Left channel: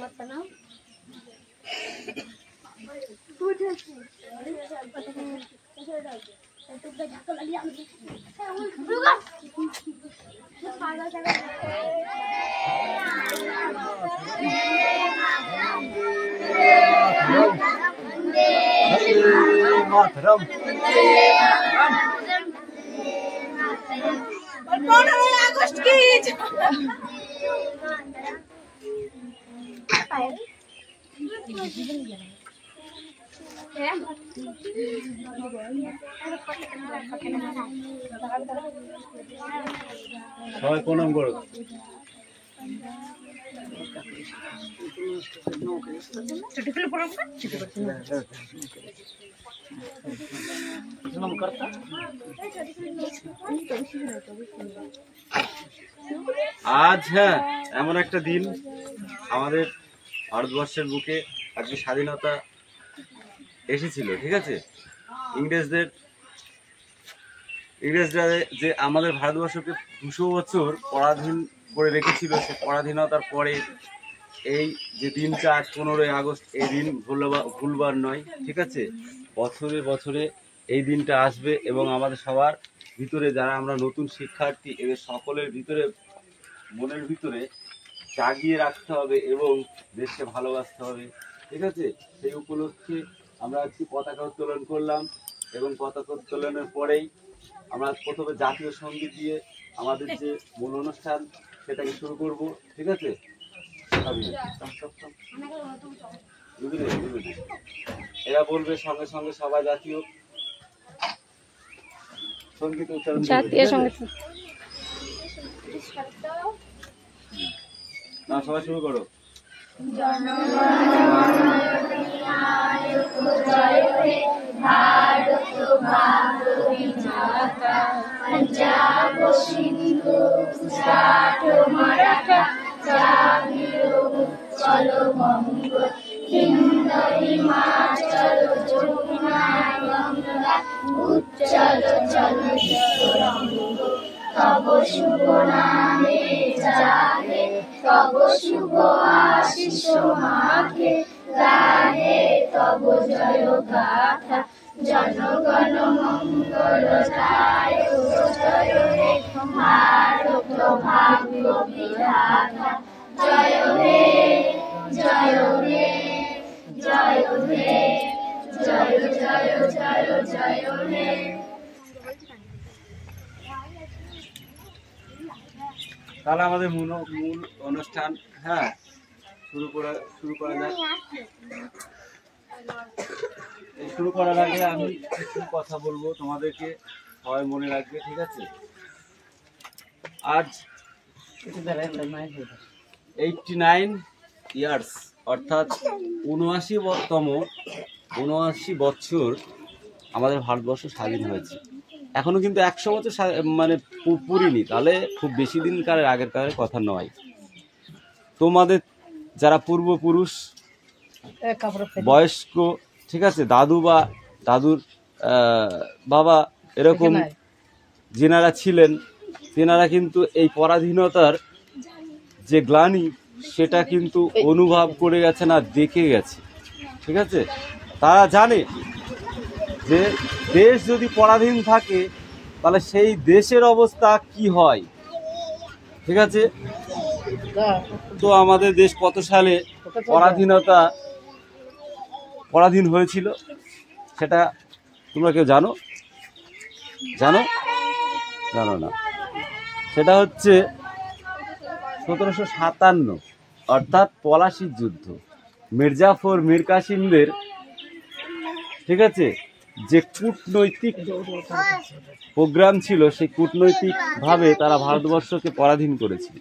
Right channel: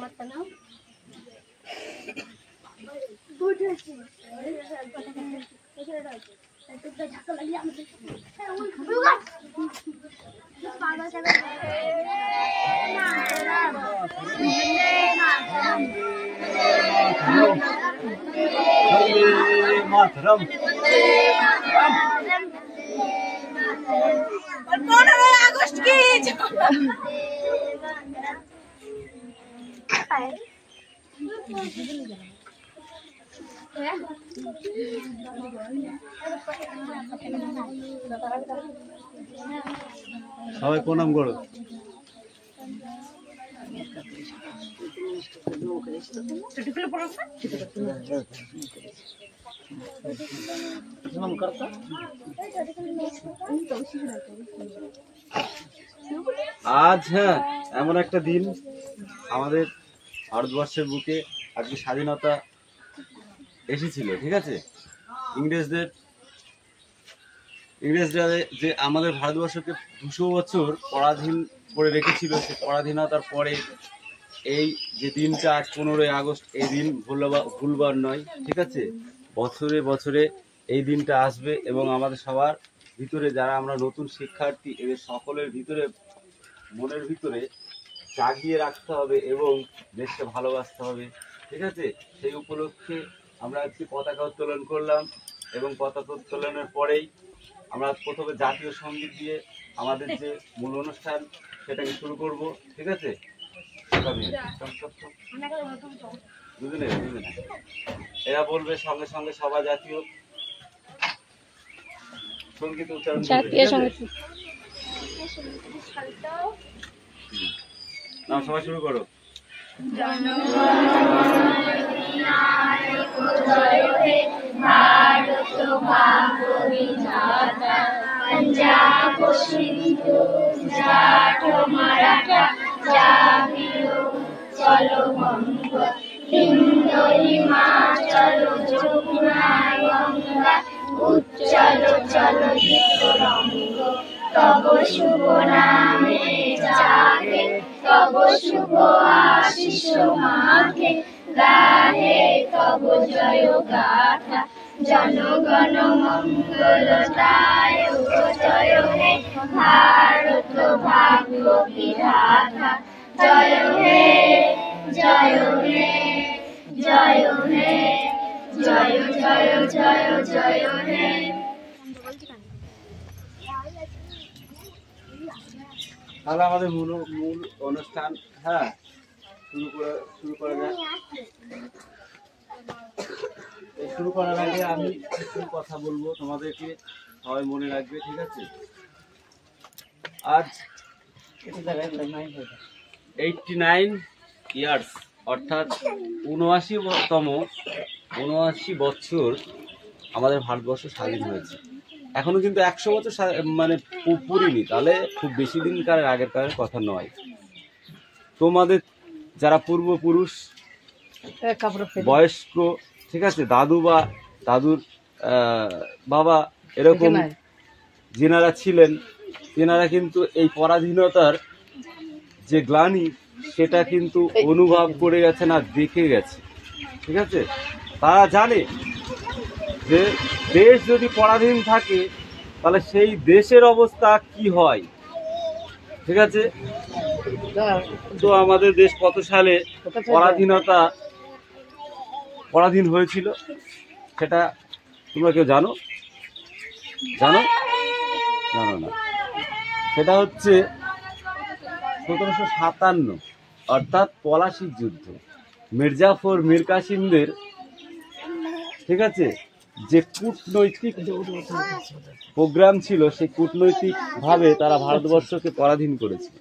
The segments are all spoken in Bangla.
मातरम 15 আগস্ট কি সবাই প্রণাম করো। আজ হ্যাঁ এমন একটা দিন আমাদের ভারতবর্ষের বুকে আজকে স্বাধীনতা এসেছিল, ঠিক আছে। ইংরেজরা যে আমাদের ভারতবর্ষকে 200 বছর পরাধীন করে রেখেছিল, সে পরাধীনতার পরে এই যে দিনটা আজ 15 আগস্ট, এই দিন ভুলবার নয়, ঠিক আছে। বছরে বছরে এই দিনটা আসবে এবং আমাদের সবার ভিতরে, যারা আমরা নতুন শিক্ষার্থী, এদের সকলের ভিতরে, মনের ভিতরে জাগিয়ে রাখতে হবে এবং দেশকে ভালোবাসতে হবে, ঠিক আছে। সেই উপলক্ষে আমরা আজকে পতাকা উত্তোলন করলাম এবং পতাকা উত্তোলনের পরেই আমরা প্রথমে জাতীয় সঙ্গীত দিয়ে আমাদের যে মূল অনুষ্ঠান সেটাকে শুরু করব, ঠিক আছে। বুঝলে এরা বলবে সঙ্গে সঙ্গে সবাই জাতীয় সঙ্গীত উচ্চারণ, জাতীয় সঙ্গীত না, সবাই শুরু করো। पंजाब सिंधु गुजरात मराठा चलो बंग हिंद हिमाचल जमुना गंगा उच्चल चलो तरंग तब शुभ नामे जागे तब शुभ आशीष मागे गाहे तब जय गाथा जनगण मंगल जय हे भारत भाग्य विधाता जय हे जय हे जय हे जय जय जय जय हे। তাহলে আমাদের মূল অনুষ্ঠান হ্যাঁ শুরু করা যায়। শুরু করার আগে আমি কিছু কথা বলবো তোমাদেরকে, সবাই মনে রাখবে, ঠিক আছে। আজ 89 ইয়ার্স অর্থাৎ 79 বছর আমাদের ভারতবর্ষ স্বাধীন হয়েছে। এখনো কিন্তু 100 বছর মানে পুরিনি, তাহলে খুব বেশি দিনকার আগের কথা নয়। তোমাদের যারা পূর্বপুরুষ বয়স্ক, ঠিক আছে, দাদু বা দাদুর বাবা এরকম যেনারা ছিলেন, তেনারা কিন্তু এই পরাধীনতার যে গ্লানি সেটা কিন্তু অনুভব করে গেছে, না দেখে গেছে, ঠিক আছে। তারা জানে যে দেশ যদি পরাধীন থাকে তাহলে সেই দেশের অবস্থা কি হয়, ঠিক আছে। তো আমাদের দেশ কত সালে পরাধীন হয়েছিল সেটা তোমরা কেউ জানো না? সেটা হচ্ছে 1757 অর্থাৎ পলাশির যুদ্ধ। মির্জাফর মীর কাসিমদের, ঠিক আছে, যে কূটনৈতিক প্রোগ্রাম ছিল, সেই কূটনৈতিক ভাবে তারা ভারতবর্ষকে পরাধীন করেছিল।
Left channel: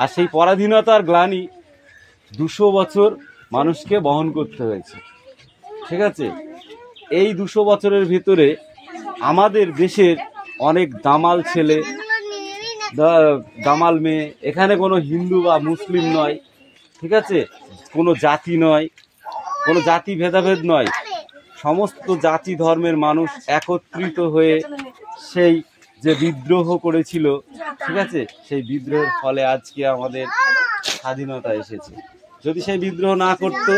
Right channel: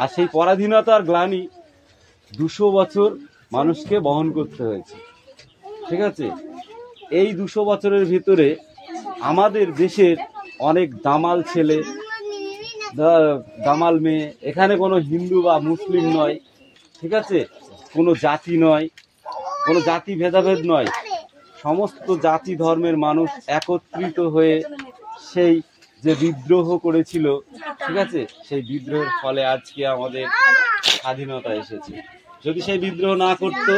আর সেই পরাধীনতার গ্লানি 200 বছর মানুষকে বহন করতে হয়েছে, ঠিক আছে। এই 200 বছরের ভিতরে আমাদের দেশের অনেক দামাল ছেলে, দামাল মেয়ে, এখানে কোনো হিন্দু বা মুসলিম নয়, ঠিক আছে, কোনো জাতি নয়, কোনো জাতি ভেদাভেদ নয়, সমস্ত জাতি ধর্মের মানুষ একত্রিত হয়ে সেই যে বিদ্রোহ করেছিল, ঠিক আছে, সেই বিদ্রোহের ফলে আজকে আমাদের স্বাধীনতা এসেছে, যদি সেই বিদ্রোহ না করত,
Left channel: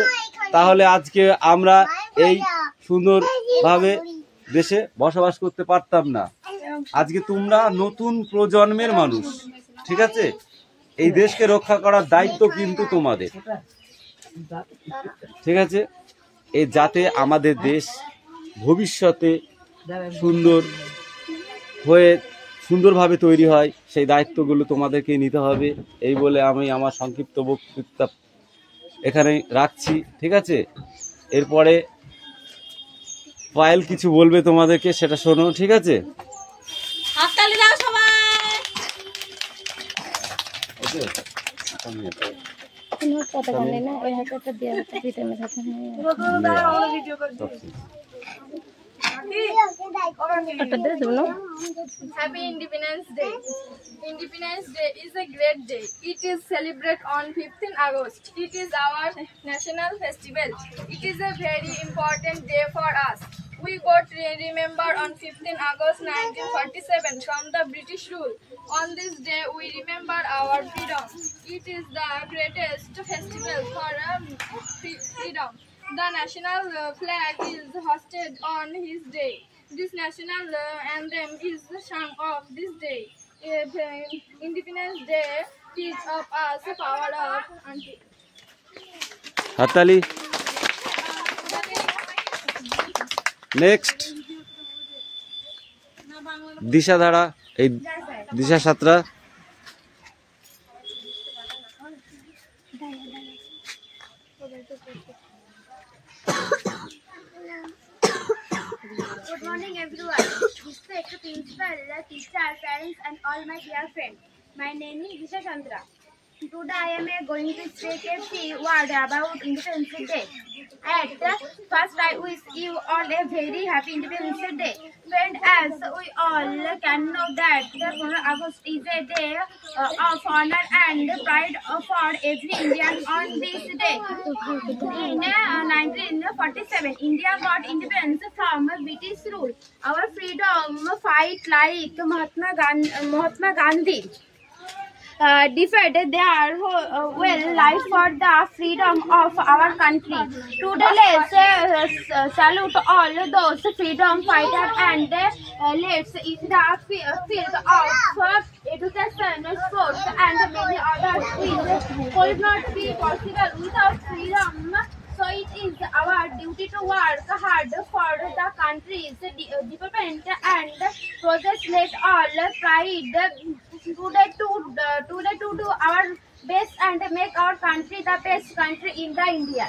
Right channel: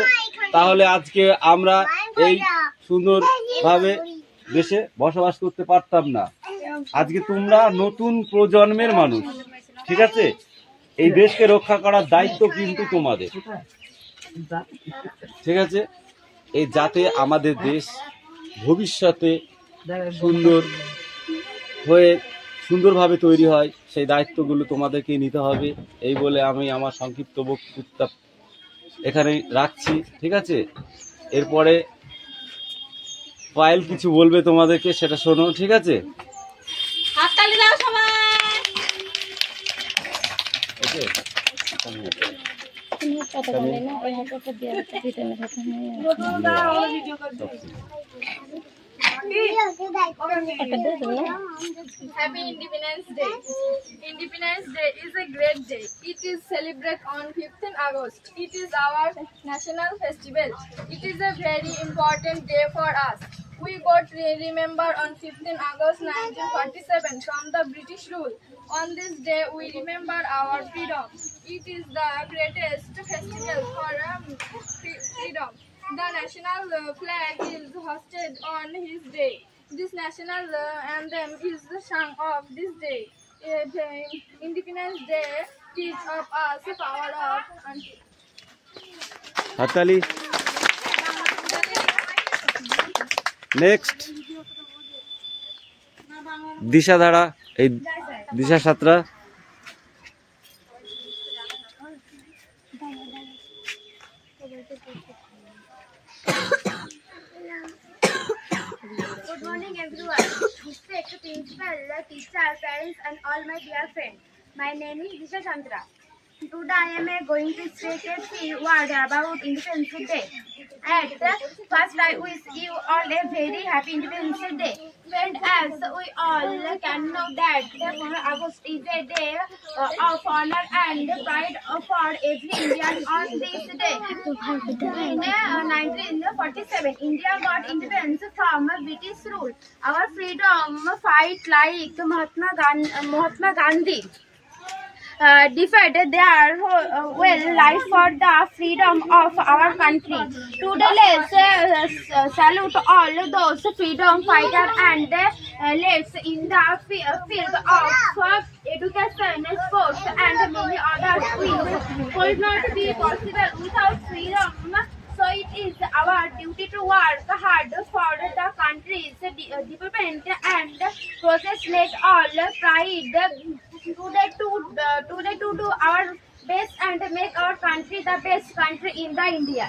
তাহলে আজকে আমরা এই সুন্দরভাবে দেশে বসবাস করতে পারতাম না। আজকে তোমরা নতুন প্রজন্মের মানুষ, ঠিক আছে? এই দেশকে রক্ষা করার দায়িত্ব কিন্তু তোমাদের, ঠিক আছে? এই যাতে আমাদের দেশ ভবিষ্যতে সুন্দরভাবে তৈরি হয়, সেই দায়িত্বগুলো তোমাদেরকে নিতে হবে। এই বলে আমি আমার সংক্ষিপ্ত বক্তৃতা এখানে রাখছি, ঠিক আছে? এরপরে পায়েল কিছু বলবে তোমাদেরকে, সেটা শোনো, ঠিক আছে? হাততালি দাও সবাই। Happy Independence Day. Independence Day is a great day. It is celebrated on 15th August. It is our national festival. It is a very important day for us. We got remember on 15th August 1947 from the British rule. On this day, we remember our freedom. It is the greatest festival for freedom. The national flag is hoisted on his day. This national anthem is sung of this day. Independence Day teach of us the power of unity. হাততালি। নেক্সট দিশাধারা, এই দিশা Santra. Good morning, everyone. Respect principal, teacher, parents, and all my dear friends. My name is Disha Chandra. Today I am going to speak a few words about Independence Day. At first, I wish you all a very happy Independence Day. Friend, as we all can know that the 15th August is a day of honor and pride for every Indian. On this day, in 1947, India got independence from British rule. Our freedom fight like Mahatma Gandhi defended their life for the freedom of our country. Today, let's salute all those freedom fighters and let's in the field of education, sports, and many other fields could not be possible without freedom. So it is our duty to work hard for the country's development and progress. Let all pride today to do our best and make our country the best country in the India.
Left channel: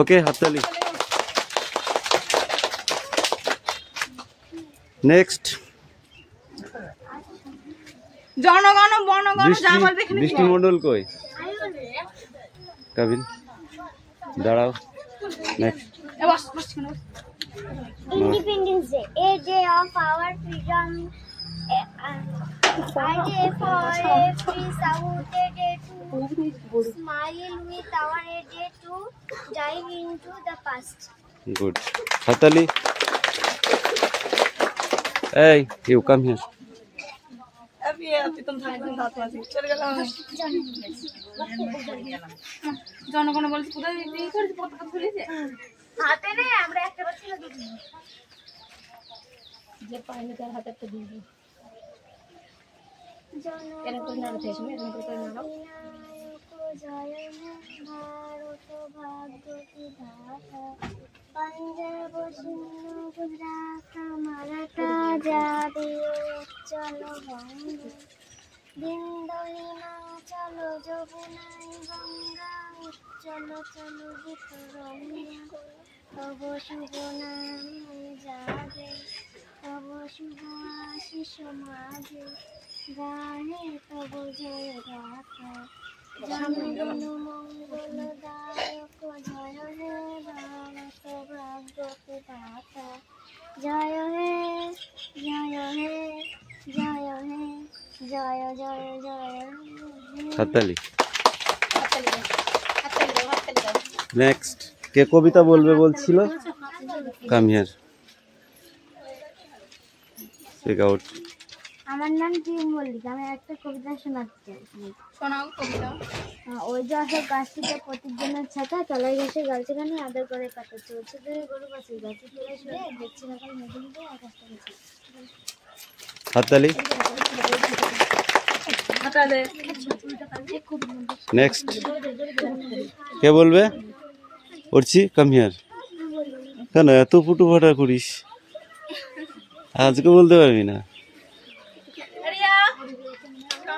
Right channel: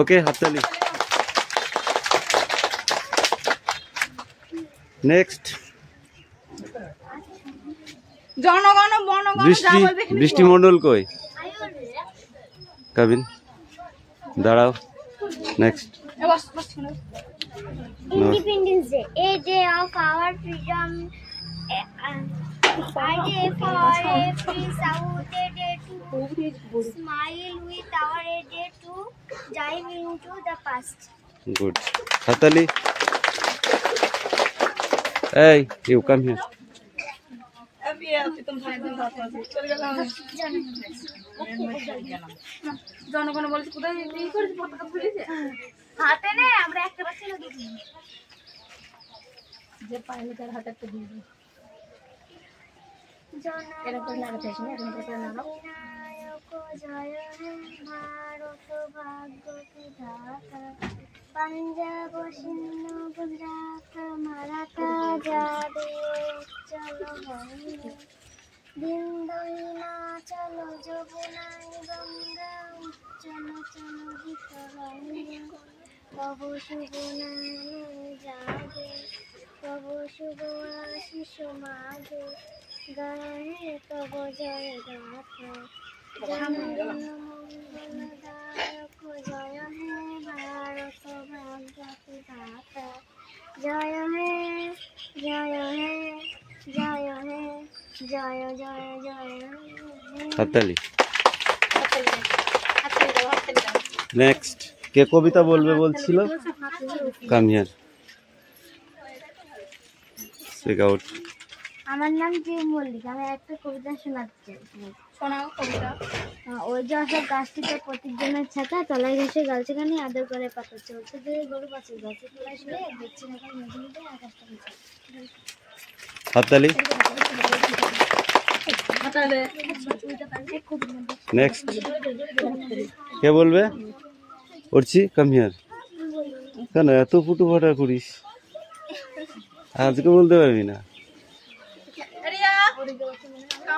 ওকে, হাততালি। নেক্সট জনগণ বনগণ বৃষ্টি মণ্ডল কই? কাবিন দাঁড়াও। Next Independence Day, a day of our freedom, a day for every South, a day to smile with our a day to dive into the past. Good, হাততালি। এই ইউ কাম হিয়ার। জনগণ বলছে কোথায় পতাকা খুলেছে হাতে নেই, আমরা একটা বাচ্চা দিই যে পাইলে তার হাতে একটা দিয়ে দিই। জয় হে ভারত ভাগ্য বিধাতা, পাঞ্জাব সিন্ধু গুজরাট মারাঠা জাতীয় চলো বিন্দু হিমাচল যমুনাই গঙ্গা চলো চলো গীত গঙ্গা, তব শুভ নাম জাগে, তব শুভ আশিস মাগে, গাহে তব জয় গাথা, জনগণ মঙ্গলদায়ক, জয় হে ভারত ভাগ্য বিধাতা, জয় হে জয় হে জয় হে জয় জয় জয়। হাততালি। নেক্সট কে কবিতা বলবে বলছিল? Come here, speak out. আমার নাম জিম মল্লিক, আমি একটা কবিতা শোনাচ্ছি। শোনাও কবিতা। ওই যে অশোক গাছটিতে প্রতিজনের ছাতা তলায় ঘেসে গাছগানি আদর করে পাতা চলছে যে গরু পাশে গাছে তোলা শুয়ে দেখছি না কাল নদী নদী আকাশটা গেছে হাততালি। নেক্সট কে বলবে? উঠছি, কাম হিয়ার। কেন এত ফুটু ফাটা করিস? আজকে বলতে পারবি না?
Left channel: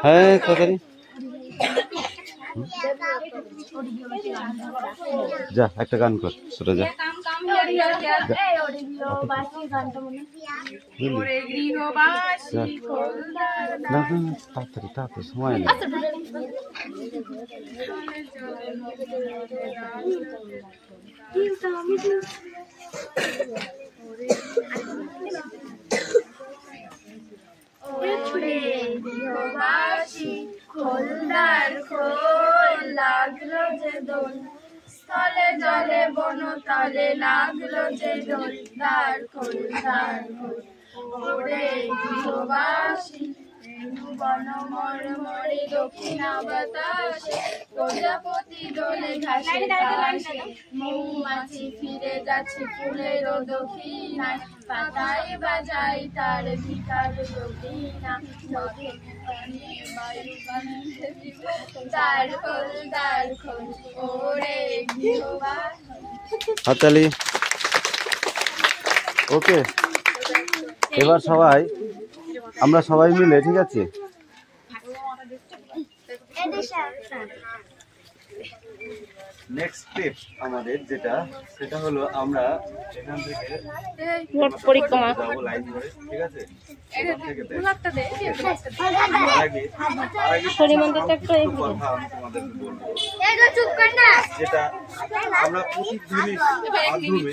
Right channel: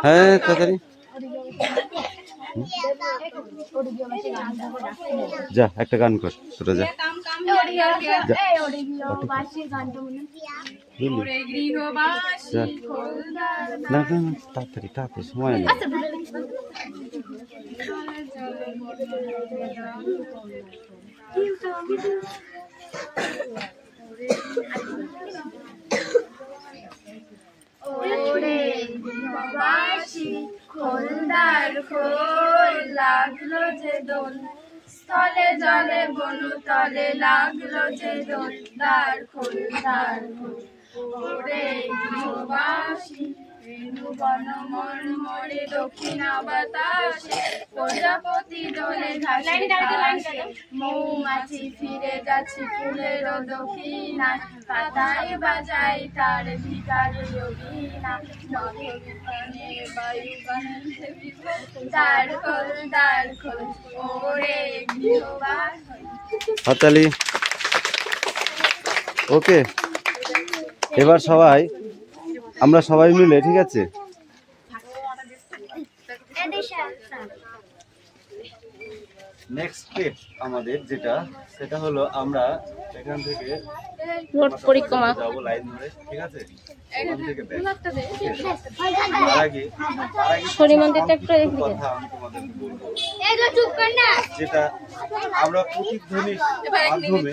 হ্যাঁ তাড়াতাড়ি যা, একটা গান কর তোরা, যা। না না তাড়াতাড়ি তাড়াতাড়ি, সময় নেই। খোলদার খোল লাগলো যে দোল, স্থলে জলে বনতলে লাগলো যে দোল, দ্বার খোল দ্বার খোল। ওরে গৃহবাসী রেণু বন মর্মরে দক্ষিণা বাতাসে, প্রজাপতি দোলে ঘাসে ঘাসে, মৌমাছি ফিরে যাচ্ছে ফুলের দক্ষিণায়, পাতায় বাজাই তার ভিকার যোগিনা, নদীপানে বায়ু গন্ধে বিভোর, দ্বার খোল দ্বার খোল ওরে গৃহবাসী। হাততালি। ওকে, এবার সবাই আমরা সবাই মিলে, ঠিক আছে, নেক্সট স্টেপ আমাদের যেটা, সেটা হলো আমরা এখান থেকে রোড পরিক্রমা যাবো লাইন ধরে, ঠিক আছে। ওখান থেকে শনি মন্দিরটা একটু কথা আমি তোমাদেরকে বলবো, যেটা আমরা প্রতিধ্বনির মাধ্যমে,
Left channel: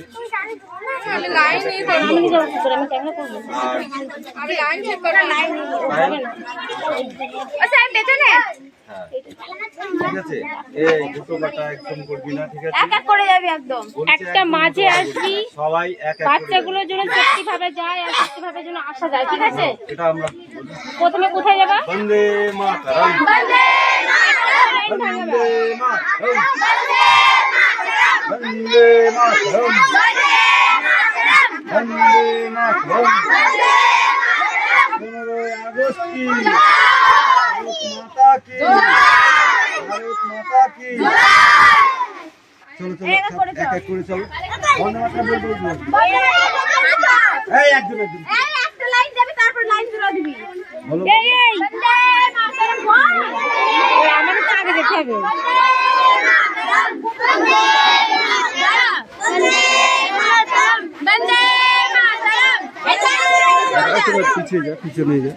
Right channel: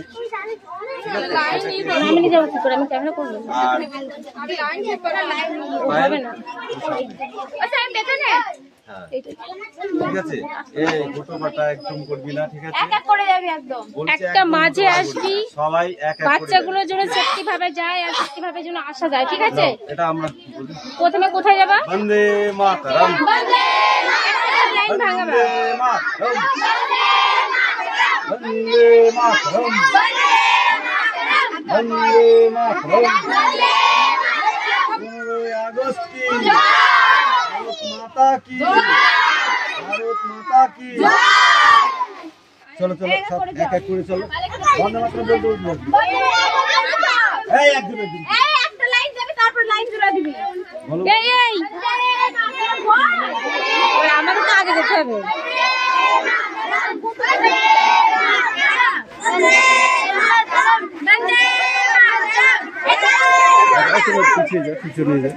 ঠিক আছে, এই গুটোপাটা একদম করবি না, ঠিক আছে, একটা মাঝে আসবি, সবাই এক এক বাচ্চাগুলোর জন্য সেফটি ভাবে যায় আর সেফটি ভাবে যেন আসা যায়, ঠিক আছে। এটা আমরা প্রথমে কোথায় যাবা? বন্দে মাতরম, লাইন ভাঙাবা, বন্দে মাতরম, বন্দে মাতরম, বন্দে মাতরম। 15 আগস্ট কি ভারত মাতা কি, ভারত মাতা কি। চলো চলো এক এক করে চলো, বন্দে মাতরম বলতে বলতে এই একদম একদম একটা লাইন যাবে তারপর লাইন জোড়া দিবি। বলো। এই এই আমাদের তো আগে যেতে হবে। পিছিয়ে যা, পিছনে যা,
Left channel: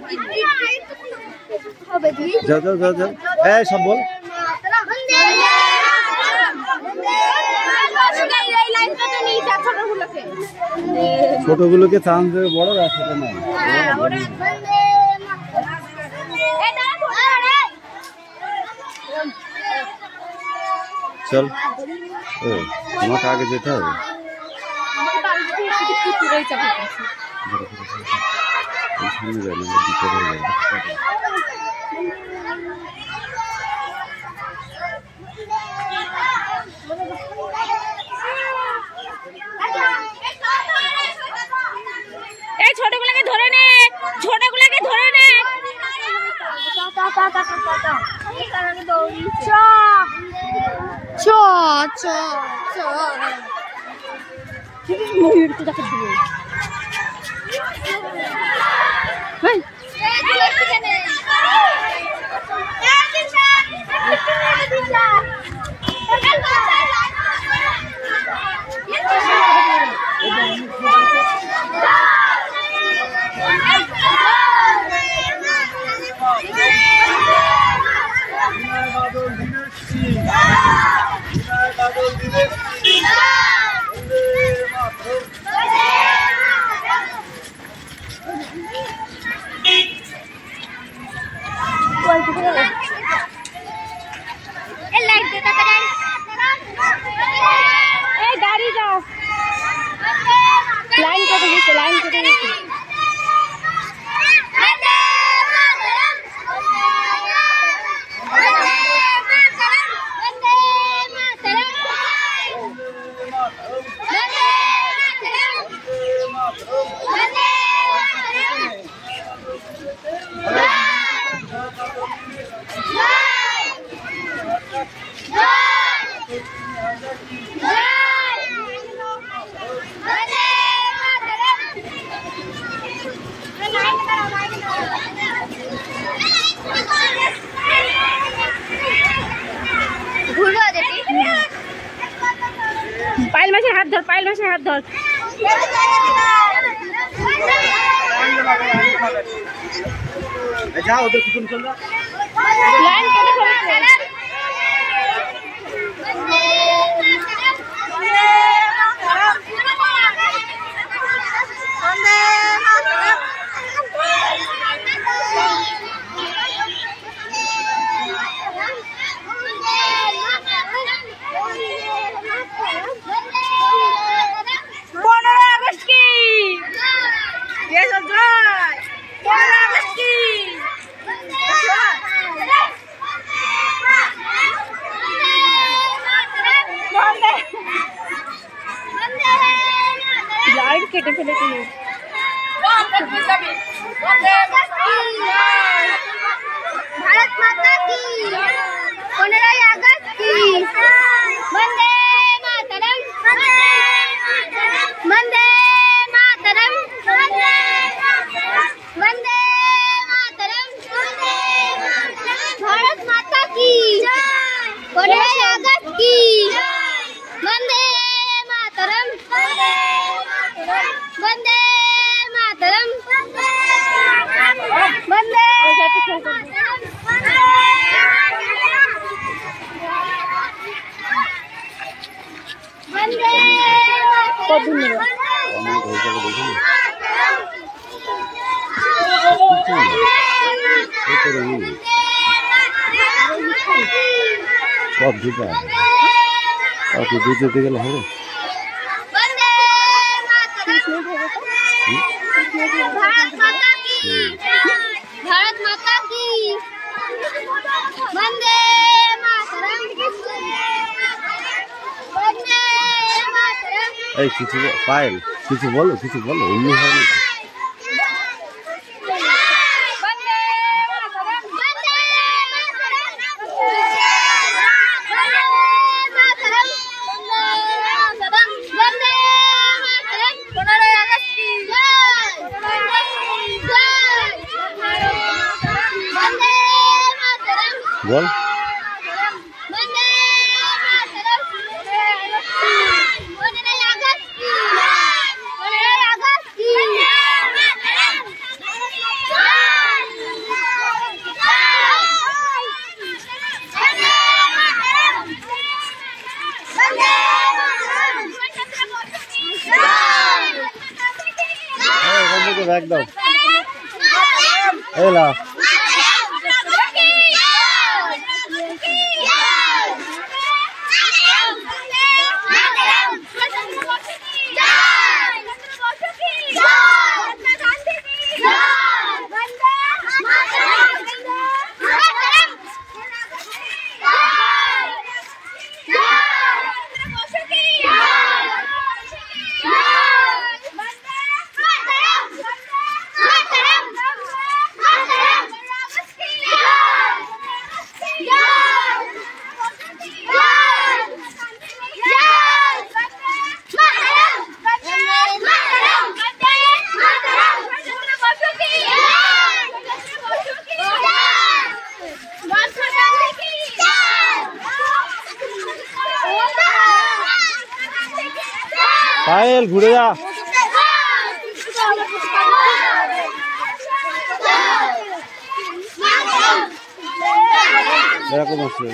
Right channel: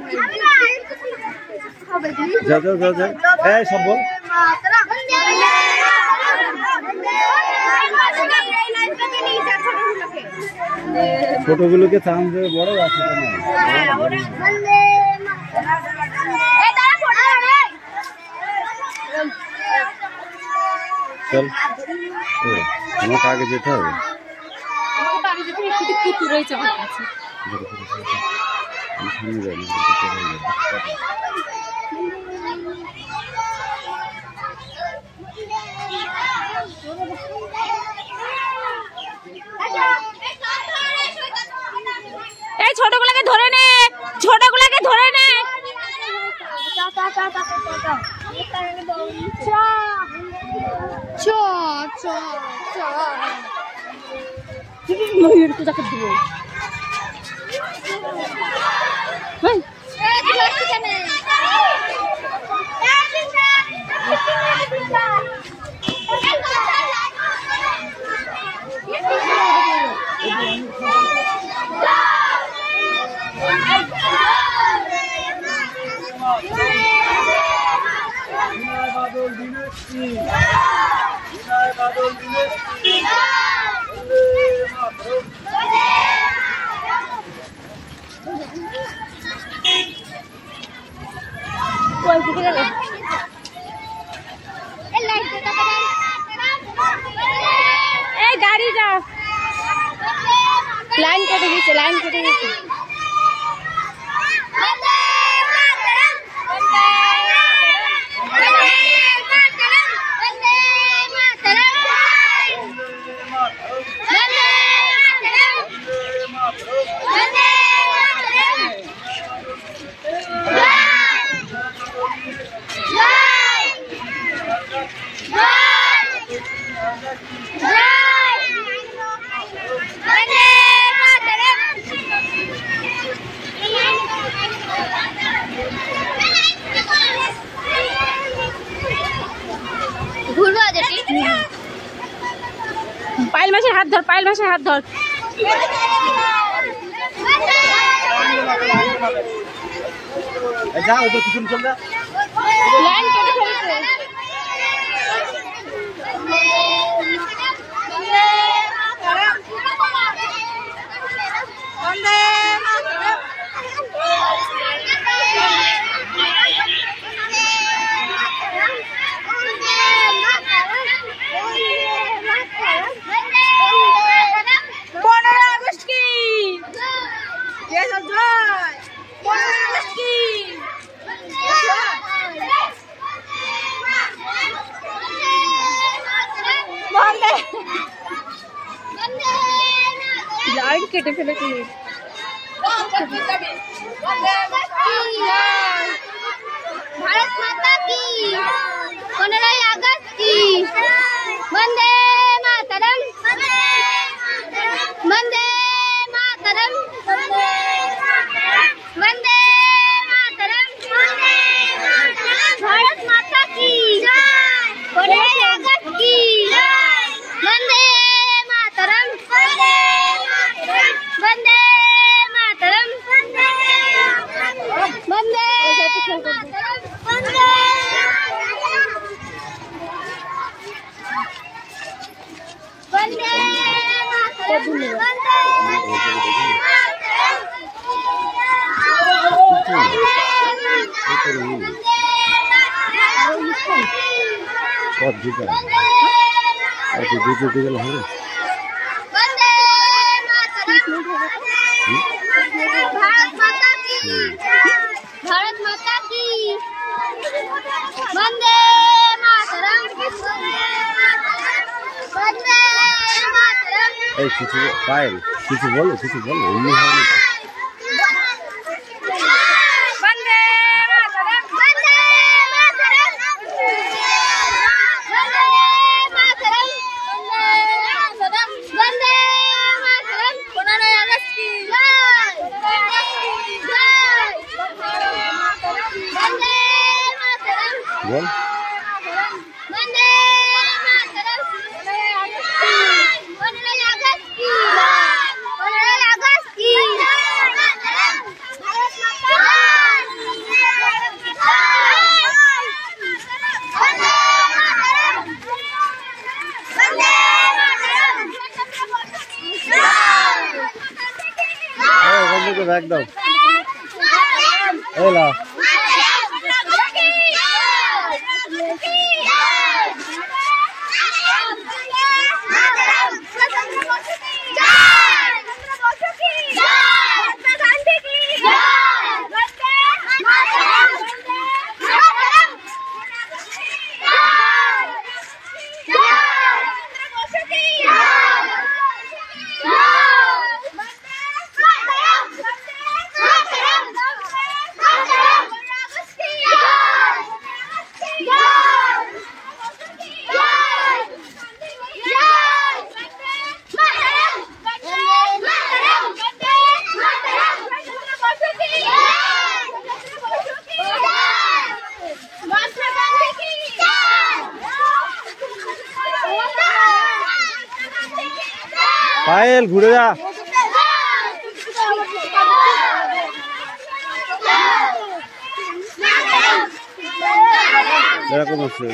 যা যা যা যা, এই সব বল। ছোটগুলোকে চান্স দেবে, বড় আছে না। চল, ও তোমাকে আগে যেতে হবে। সামনে যাই না, দিতে হয়ে যাবে। এই ছোটগুলোকে ধরে নে, ছোটগুলোকে ধরে নে। এই গাড়ি যা, লাইন কেটে গেছে, লাইন কেটে গেছে। हाथ धर, पायल मासी हाथ धर। जाओ तो किचन चल रहा लाइन केटे फेलेছে लाइन केटे फेलेছে भारत माता की 15 अगस्त की वंदे मातरम वंदे मातरम वंदे मातरम भारत माता की 15 अगस्त की वंदे मातरम वंदे मातरम वंदे भारत माता की वंदे मातरम वंदे मातरम কিছু পায়েল কিছু বলো এমনি হয় না বল ব্যাগ দাও এলা পায়েল ঘুরে যা এরকম আছে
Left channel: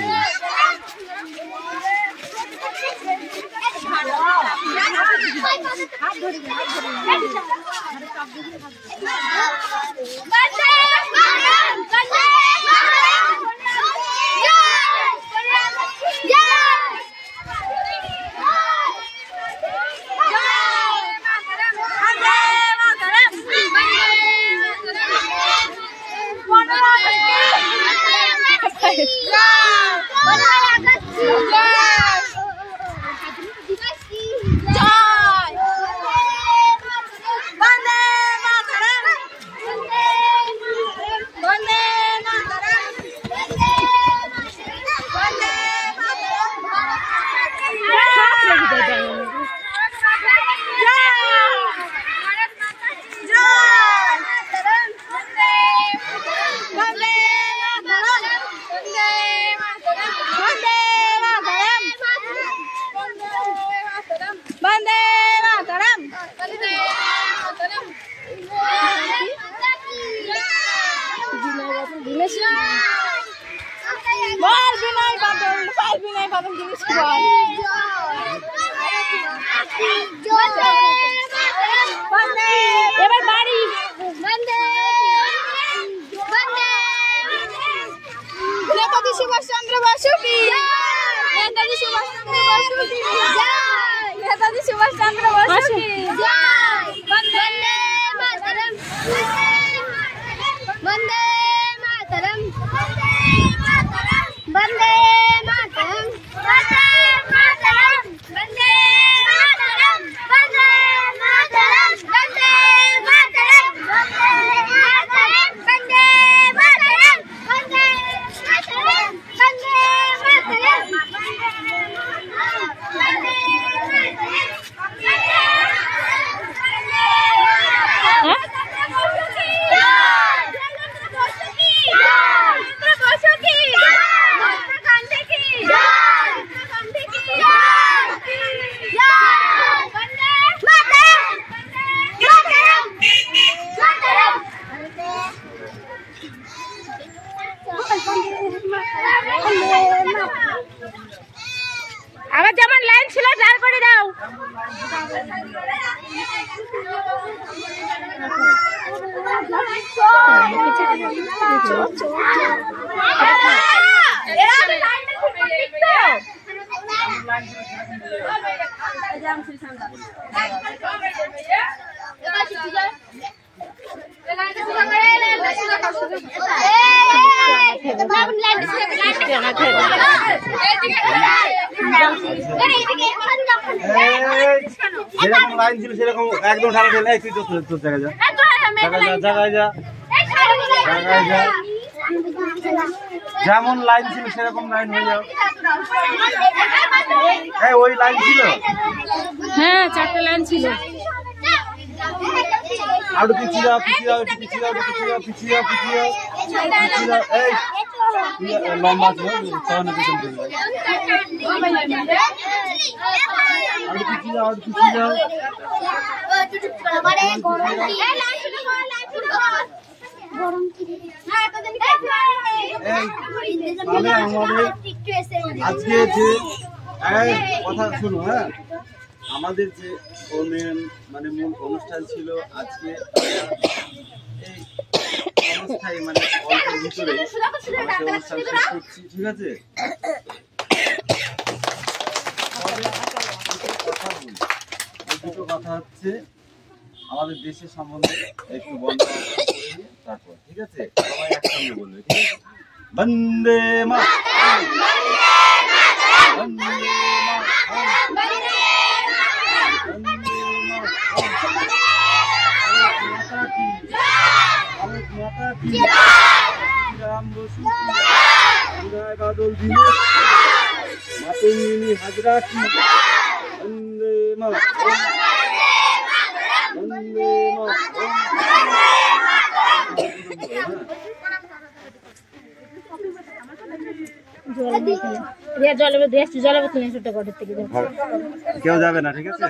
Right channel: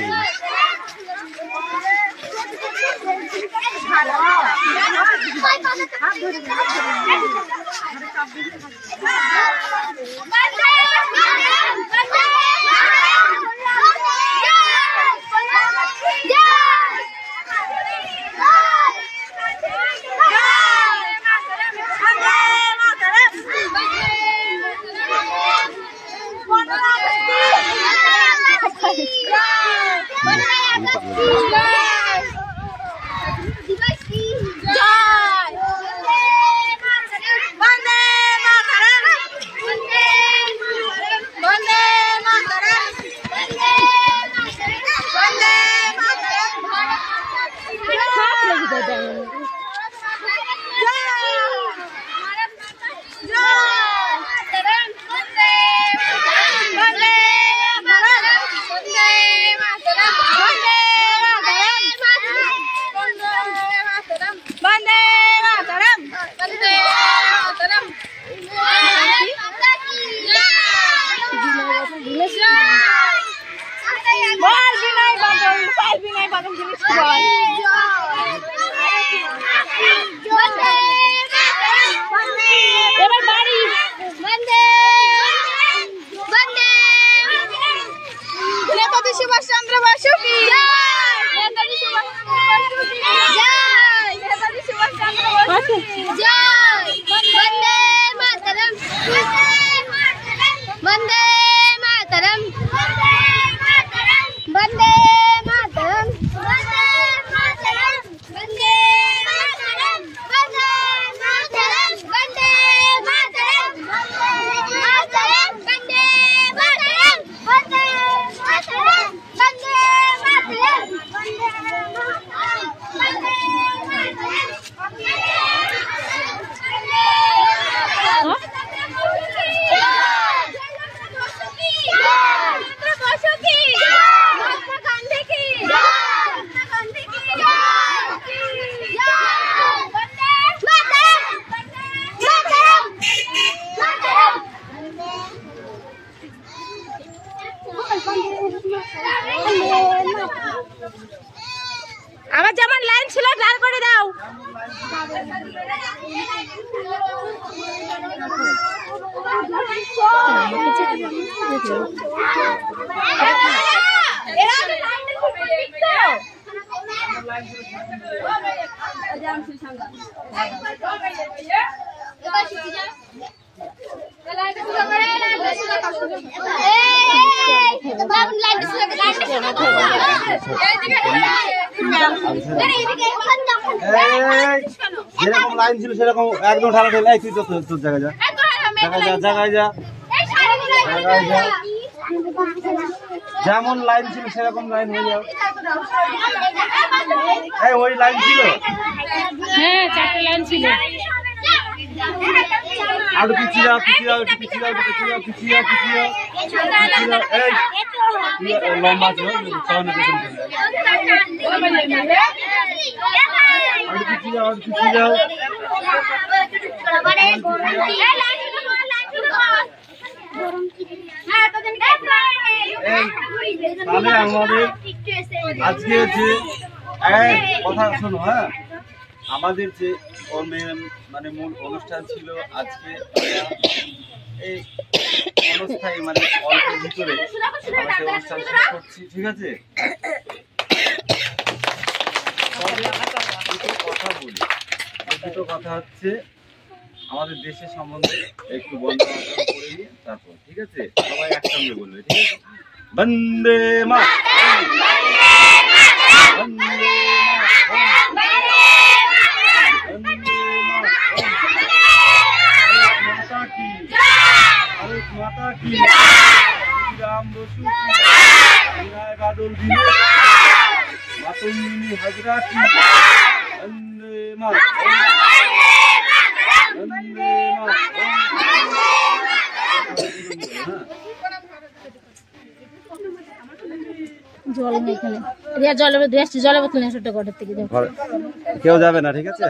যেরকম লাইন ছিল সেরকম একদম ঢালা ঢেলে তুই তো তোর জায়গায় যা জায়গায় যা জায়গায় যা যেমন লাইন ছিল সেরকম লাইন হয়ে যাও। এই ওই লাইন ছিল, হ্যাঁ 4টা লাইন ছিল। আর পিছিয়ে যাও পিছিয়ে যাও পিছিয়ে যাও পিছিয়ে যাও পিছিয়ে যাও পিছিয়ে যাও পিছিয়ে যাও। এই লম্বা ছিল চরণে পেছন চলে যায়। আর পিছিয়ে যাও পিছিয়ে যাও। এই তাহলে আমাদের আজকে যে কথা শোনো, হ্যাঁ আমাদের যে মানে মূল অনুষ্ঠান ছিল আজকে এই অবস্থায় মানে অল্পের ভিতরে আমরা সেই অনুষ্ঠান শেষ করছি, ঠিক আছে? কথা বলি, দুটো কথা হচ্ছে আমাদের দেশের সম্বন্ধে একটু বন্ধ করে নিয়ে তারপর, ঠিক আছে? সবাই একসঙ্গে বলবে, ঠিক আছে? বন্দে মাতরম, বন্দে মাতরম, বন্দে মাতরম, মাতা কি, ভারত মাতা কি, রাম বসু কি, বিনায়ক আদল দিনে, মাতঙ্গিনী হাজরা কি, বন্দে মাতরম, বন্দে মাতরম। জল বোতল নিয়ে ছোট ঘরের থেকে কেউ যাবে না, ঠিক আছে?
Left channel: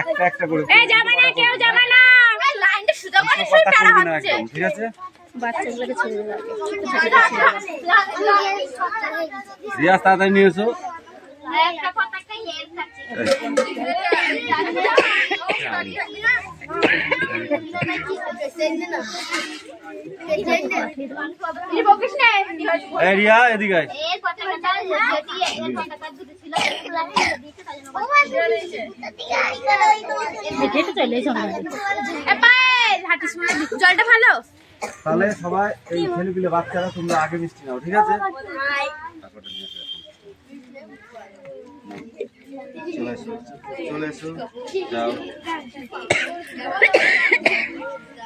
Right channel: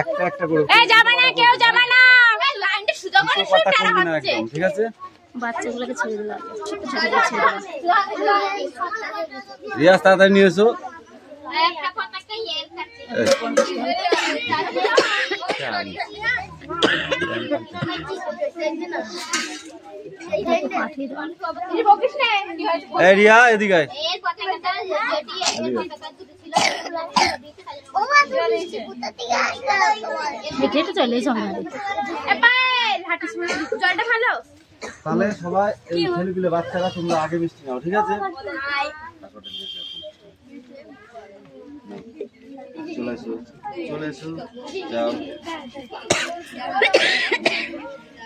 একটা একটা করে যাবে না, কেউ যাবে না, কথা বলবেন একদম, ঠিক আছে? বাচ্চাগুলোকে ছেড়ে দেবে। রিয়াজ তাড়াতাড়ি নিয়ে এসো। রিয়া এদিকে আয়। জলটা ভালো। তাহলে সবাই এই ছেলেগুলো বাচ্চারা তোমরা আগে মিষ্টি নাও, ঠিক আছে? চলে এসো চলে এসো, যাও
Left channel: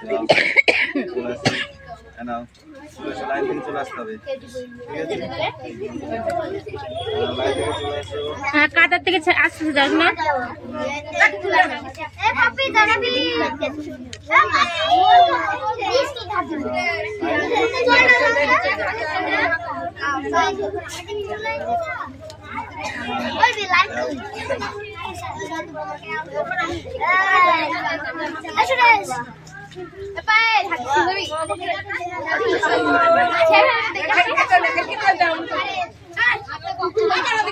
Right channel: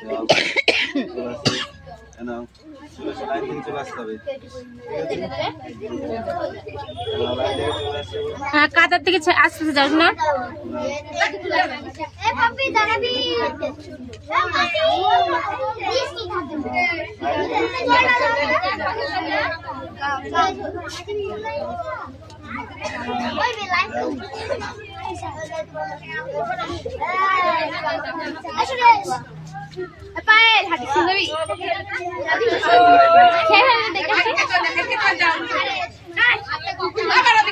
যাও চলে এসো, নাও চলে এসো, লাইন থেকে চলে আসতে হবে, ঠিক আছে? লাইন থেকে চলে এসো। হ্যাঁ, কাতার থেকে আসতে যাস না।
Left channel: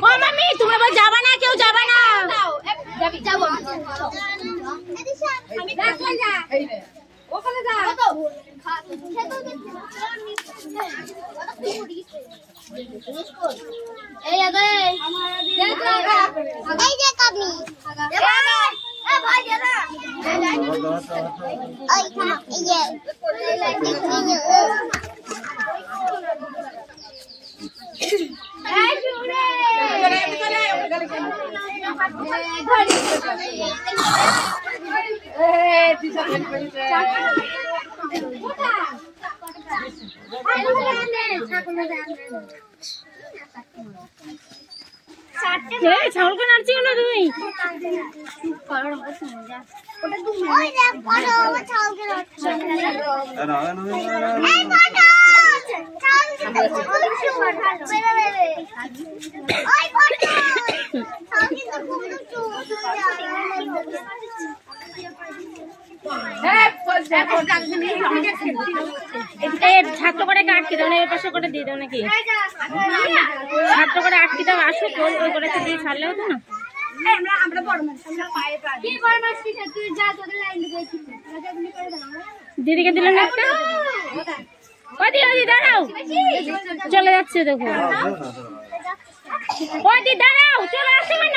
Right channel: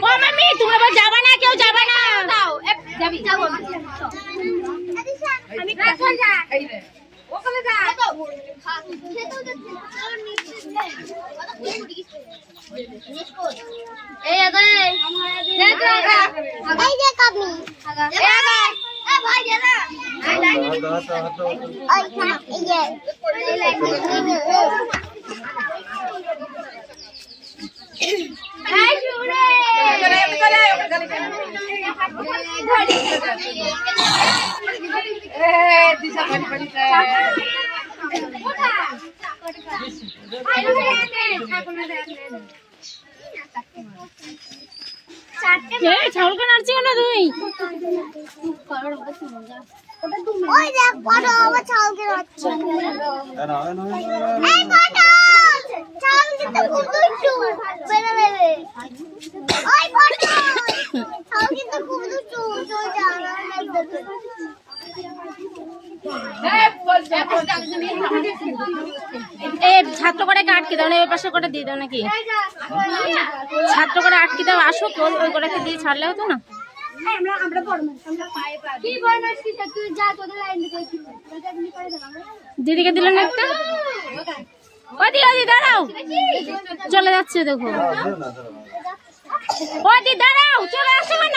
ও মামি, তুমি আবার যাবা না, কেউ যাবা না। ছাগলকে নাড়ছি না তুই? ছাত্র করে আটকে দাও না, ওই পাশে করে দিয়ে দাও নাকি? ছাত্র করে আটকে দাও, আসো ওই করে দিয়ে ছাড়লে হতো না। আমরা বড় মানুষ, আমরা পায়ে পা দিই। কি বড় মানুষ কি তুই যা তোদের লাইন দিকে করে দাও। দিদিকে দিলেন একটা। ওদি ওদি দাঁড়াও, চলে যাচ্ছে দেখো। ওদি দাঁড়াও, চলে যাচ্ছে কেন?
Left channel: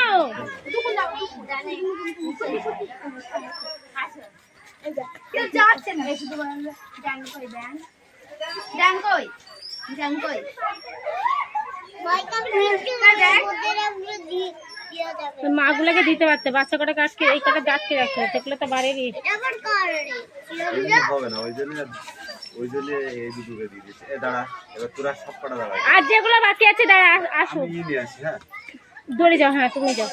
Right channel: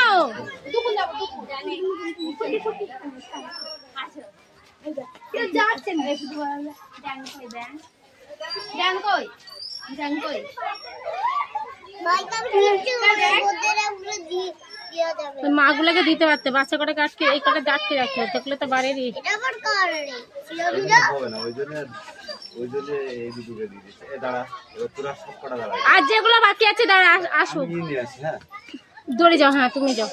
কেউ যাচ্ছে না শুধু ডান কই ডান ডান কই ডান কই মাগুলোকে দিতে পারতে, বাচ্চা কটাকে আটকে এই কটা আটকে রাখতে হবে, দেখলে তো বাড়িরই। হবে না, ওই জন্য এই দুটোকে দিয়ে দিচ্ছে। দাঁড়া, এবার তোরা সব কটা দাঁড়া, আর যেগুলো বাকি আছে দাঁড়া আসো, নিয়ে আসি। হ্যাঁ, দৌড়ে যাও। হ্যাঁ তুমি যাও।